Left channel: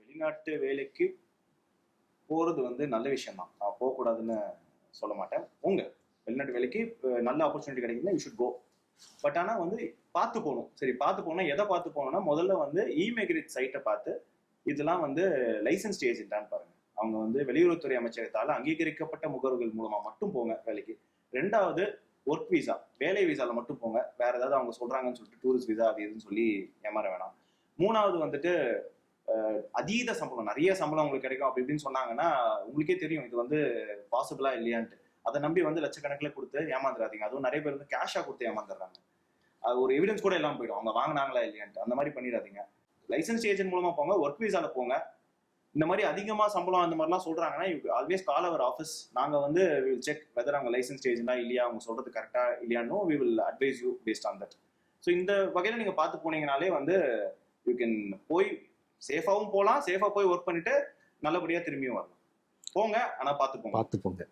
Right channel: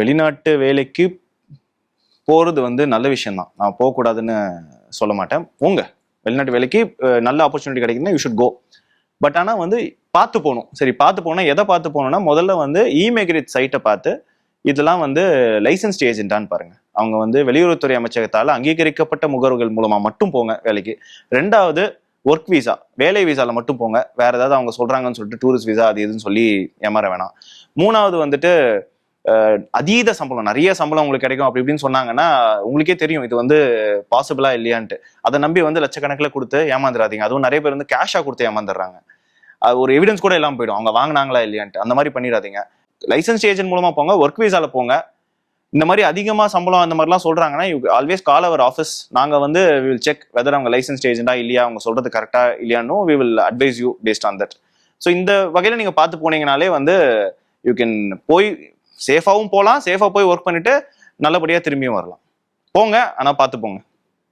வெளிநாட்டு வேலைக்கு போறது வந்து நல்ல விஷயம் தான். நான் போகக்கூடாதுன்னு சொல்ல மாட்டேன். போங்க, வெளிநாட்டு வேலைக்கு நல்ல ஆப்பர்ச்சுனிட்டி கிடைக்குதுன்னா யூ ஷுட் கோ. பட் ஆனால் வந்து பார்த்து போகணும். சரி, பார்த்து போனால் எதை பார்த்து போகணும்னா, முதல்ல வந்து இமிகிரேட் சைட்டை பார்த்து இதெல்லாம் வந்து லைசன்ஸ்ட் ஏஜென்ட்டான்னு பாருங்க. அவங்க வந்து வெளியுறவுத்துறை அமைச்சகத்தால் அங்கீகரிக்கப்பட்ட முகவர்கள் மூலமா மட்டும் போங்க வேலைக்கு. ரெண்டாவது, ஒர்க் விசா, வேலை விசால மட்டும் போங்க. வேற ஏதாவது அவங்க சொல்றாங்கன்னு சொல்லிட்டு டூரிஸ்ட் விசா அது இதுன்னு சொல்லி ஏமாற வேணாம். மூணாவது வந்துட்டு அதீத சம்பளம், நிறைய சம்பளம் உங்களுக்கு கிடைக்கும் அப்படி இப்படின்னு சொன்னாங்கன்னா உங்களுக்கே தெரியும் இது வந்து பாசிபிளா இல்லையான்ட்டு. அதை நம்பி வந்து லட்சக்கணக்கில் கொடுத்து ஏமாந்துடாதீங்க. அதுவும் நிறைய பேர் வந்து கேஷா கொடுத்து ஏமாந்துடுறாங்க. அது ஒரு எவிடன்ஸ் கூட இல்லாமல் போயிடும் அவங்க வாங்கினாங்களா இல்லையான்ட்டு. அந்த மாதிரி பண்ணிடாதீங்க. லைசன்ஸ் ஏஜென்ட் மூலமா போங்க, ஒர்க் விசால போங்க. இந்த மாதிரி அதிகமா சம்பளம் அந்த மாதிரிலாம் சொல்றாங்கன்னா you always call our office. நாங்க வந்து வி வில் செக் வெதர் அவங்க லைசன்ஸ் ஏஜென்டா இல்லையா, அவங்க சொல்றது கரெக்டா இல்லையானோ we will advise you based on that. So இந்த வகையில நீங்க பார்த்து போனீங்கனாலே வந்து யூ கேன் போய் சேஃபாவும் போகலாம், சேஃபா போய் ஒர்க் பண்ணிட்டு நல்லபடியா திரும்பியும் வரலாம். போங்க, ஆனா பார்த்து போங்க.